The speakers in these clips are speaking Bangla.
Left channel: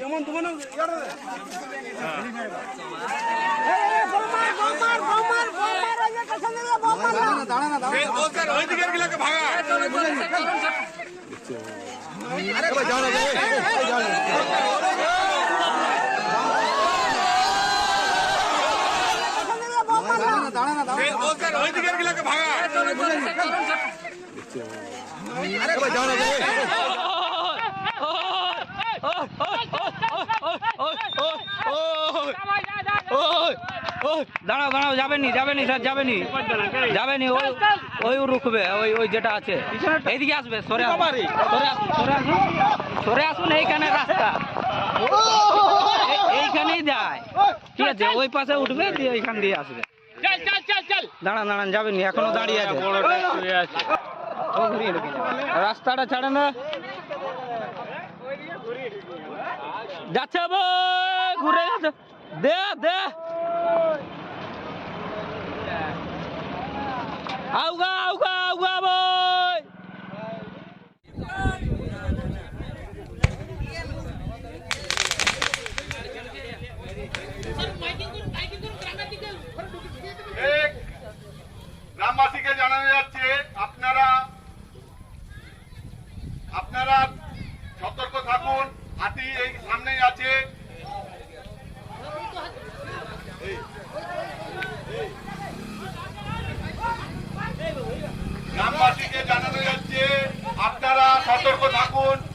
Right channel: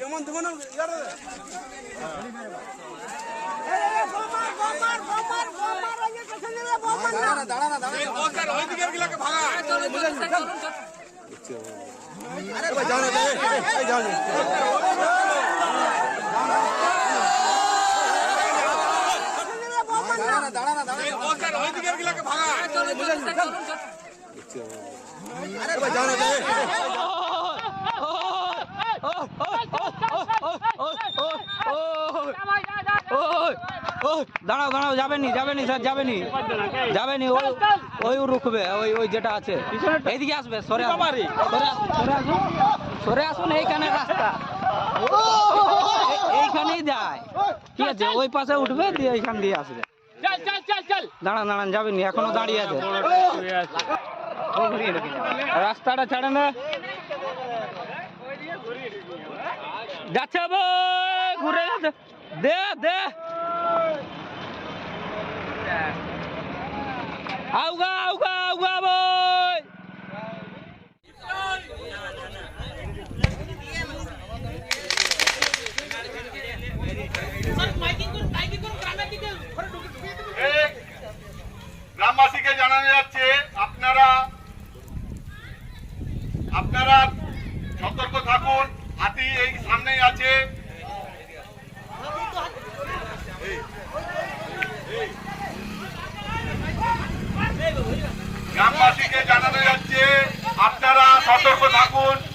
কেমন তুমি ভাঙা দাঁড়াও দাঁড়াও যাবেনি যাবেনি স্যার যাবেনি যাবেনি ওই ওই রুখবে, ওই ওই যেটা আছে। এইদিকে আসবে, সরে আসুন সরে আসুন সরে আসুন এইখানে রাস্তা। এইখানেই যায়। ঠিক আছে, ওই পাশে উঠবে, দিয়ে এইখান দিয়ে আসবে। দাঁড়ান দাঁড়ান যাবেনি এখনও দাঁড়িয়ে আছে। ও। রাস্তাটা ছাড়ে না। যাচ্ছে ঘুরে যাচ্ছে। দে দে। আউগা আউগা আউগা বই গ্রামবাসীকে জানানো যাচ্ছে আপনারা আপনারা সতর্ক থাকুন হাতি এই সামনেই আছে গ্রামবাসীকে জানানো যাচ্ছে আপনারা সতর্ক থাকুন।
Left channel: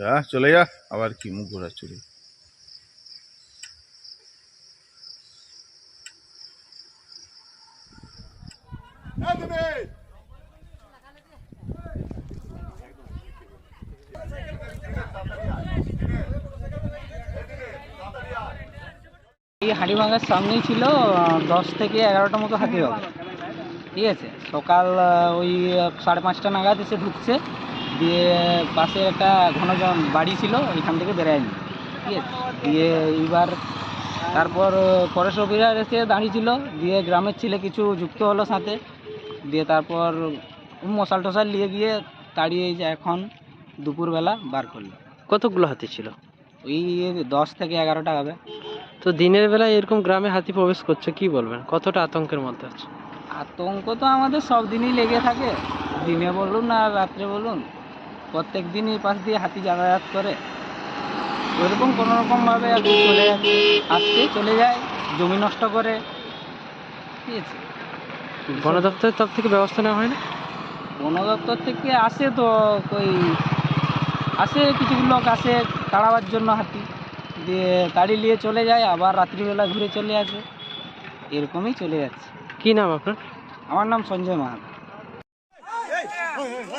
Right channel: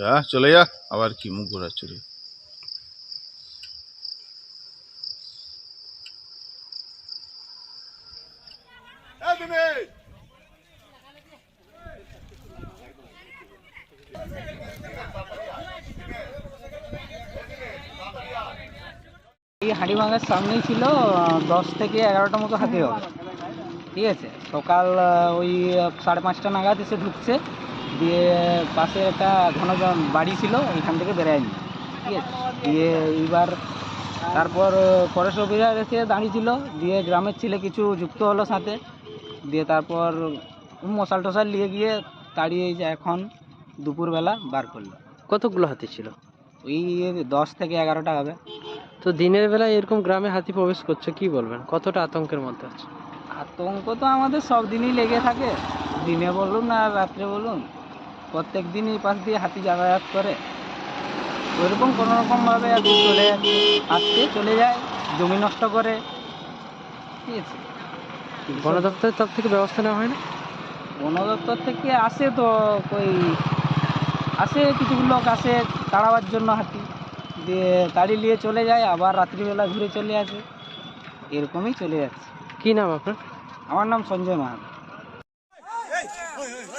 যা চলে যা, আবার কি মুখ ঘোরা চলে এই হাঁড়িভাঙার সামনেই ছিল দশ থেকে এগারোটা মতো হাতি হবে ঠিক আছে? সকাল ওই সাড়ে পাঁচটা নাগাদ এসে ঢুকছে। দিয়ে পাশে একটা ঘন বাড়ি ছিল এখান থেকে বেরোয়নি ঠিক আছে? দিয়ে এইবার তারপর ফরেস্ট অফিসার এসে দাঁড়িয়েছিল দিয়ে গ্রামের ছেলে কিছু যুক্ত হলো সাথে দিয়ে তারপর মশাল টশাল নিয়ে গিয়ে তাড়িয়ে যে এখন দুপুরবেলা বার করল। কতগুলো হাতি ছিল? ওই দশ থেকে এগারোটা হবে। তো দিনের বেলায় এরকম গ্রামে হাতি প্রবেশ করছে কি বলবেন? কতটা আতঙ্কের মধ্যে আছে? আতঙ্ক তো আমাদের সব দিনই লেগে থাকে। দিনে বলুন আর রাত্রে বলুন। প্রত্যেক দিনই পাশ দিয়ে হাতি যাতায়াত করে। ওইরকম কোনো রকমভাবে আর কি চলে যাচ্ছে আসছে চলে যায় জমি নষ্ট করে। ঠিক আছে। বন দপ্তরের তরফ থেকে ব্যবস্থা নেওয়া হয় না বন দপ্তর থেকে আসে তো ওই আসে কিছু লোক আসে তাড়াবার জন্য হাতি। দিয়ে তাড়ি নিয়ে চলে যায় আবার রাত্রিবেলা ঘুরে চলে আসে। এরকমই চলে যাচ্ছে। কি নাম আপনার? আমার নাম সঞ্জয় মাহাতো।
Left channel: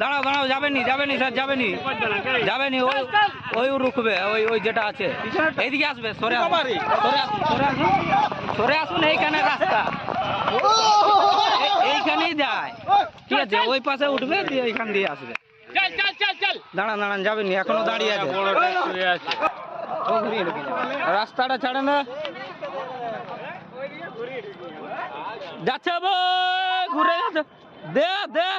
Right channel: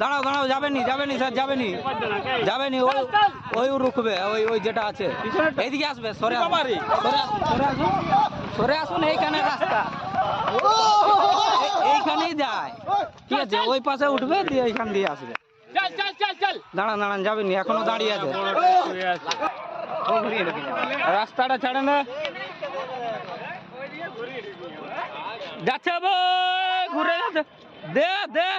দাঁড়াও দাঁড়াও, যাবেনি যাবেনি, স্যার, যাবেনি যাবেনি, ওই ওই রুখবে, ওই ওই যেটা আছে। এইদিকে আসবে, সরে আসুন সরে আসুন সরে আসুন সরে আসুন, এইখানে রাস্তা। এইখানেই যায়। ঠিক আছে, ওই পাশে উঠবে, দিয়ে এইখান দিয়ে আসবে। দাঁড়ান দাঁড়ান, যাবেনি, এখনও দাঁড়িয়ে আছে। রাস্তাটা ছাড়ে না। যাচ্ছে ঘুরে যাচ্ছে। দে দে।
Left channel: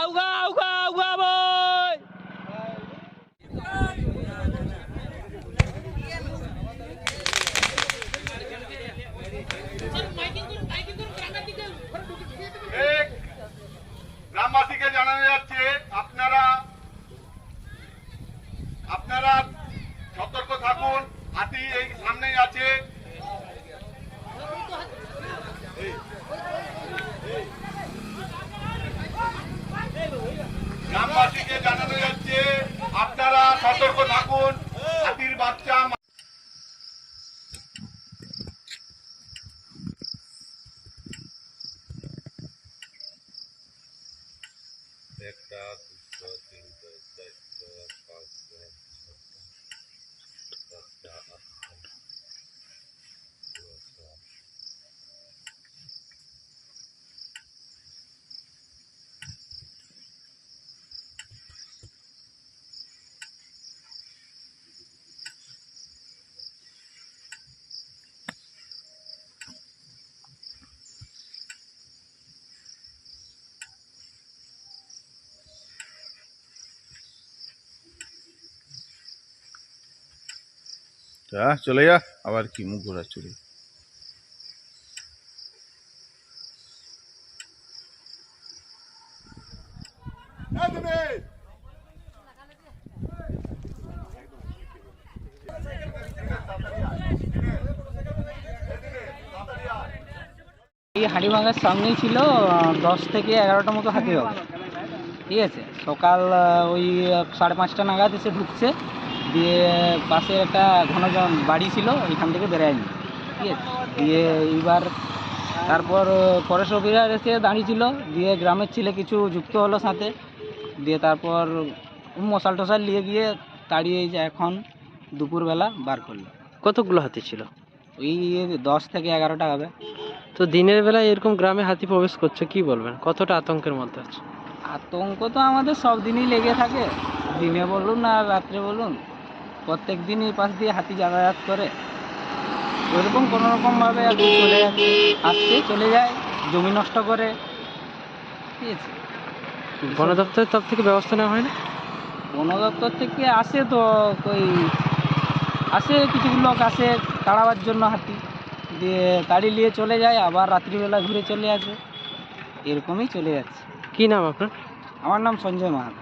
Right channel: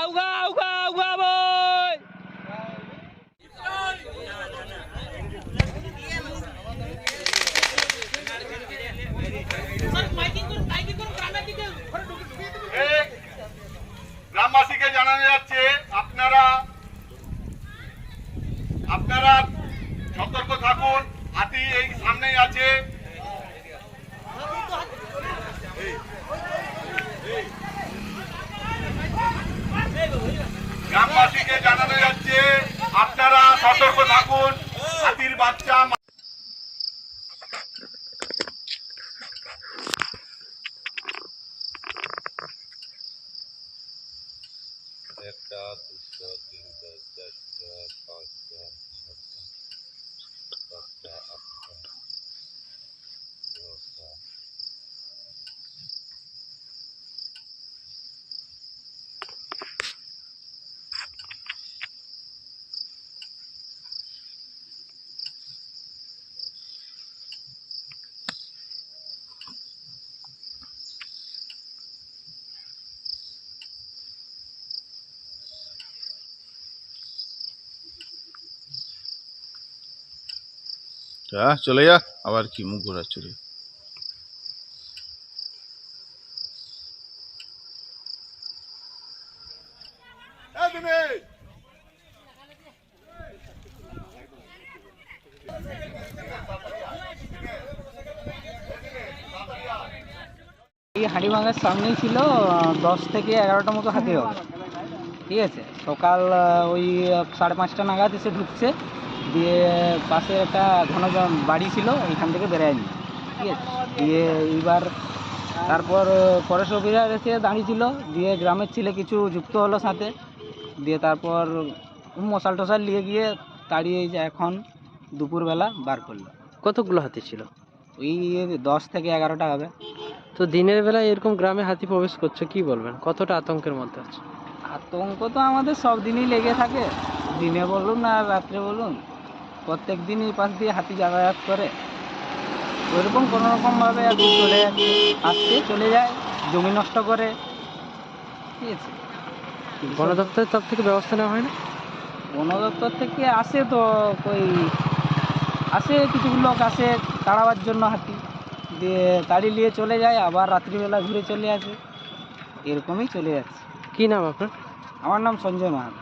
আউগা আউগা আউগা বই গ্রামবাসীকে জানানো যাচ্ছে, আপনারা আপনারা সতর্ক থাকুন। হাতি এই সামনেই আছে। গ্রামবাসীকে জানানো যাচ্ছে আপনারা সতর্ক থাকুন হাতির বাচ্চা যা, চলে যা, আবার কি মুখ ঘোরাচ্ছ রে এই হাঁড়িভাঙার সামনেই ছিল দশ থেকে এগারোটা মতো হাতি হবে ঠিক আছে? সকাল ওই সাড়ে পাঁচটা নাগাদ এসে ঢুকছে। দিয়ে পাশে একটা ঘন বাড়ি ছিল এখান থেকে বেরোয়নি ঠিক আছে? দিয়ে এইবার তারপর ফরেস্ট অফিসার এসে দাঁড়িয়েছিল দিয়ে গ্রামের ছেলে কিছু যুক্ত হলো সাথে। দিয়ে তারপর মশাল টশাল নিয়ে গিয়ে তাড়িয়ে যে এখন দুপুরবেলা বার করল। কতগুলো হাতি ছিল? ওই দশ থেকে এগারোটা হবে। তো দিনের বেলায় এরকম গ্রামে হাতি প্রবেশ করছে কি বলবেন? কতটা আতঙ্কের মধ্যে আছে? আতঙ্ক তো আমাদের সব দিনই লেগে থাকে। দিনে বলুন আর রাত্রে বলুন। প্রত্যেক দিনই পাশ দিয়ে হাতি যাতায়াত করে। ওইরকম কোনো রকমভাবে আর কি চলে আসছে চলে যায় জমি নষ্ট করে। ঠিক আছে। বন দপ্তরের তরফ থেকে ব্যবস্থা নেওয়া হয় না বন দপ্তর থেকে আসে তো ওই আসে কিছু লোক আসে তাড়াবার জন্য হাতি। দিয়ে তাড়ি নিয়ে চলে যায় আবার রাত্রিবেলা ঘুরে চলে আসে। এরকমই চলে যাচ্ছে। কি নাম আপনার? আমার নাম সঞ্জয় মাহাতো।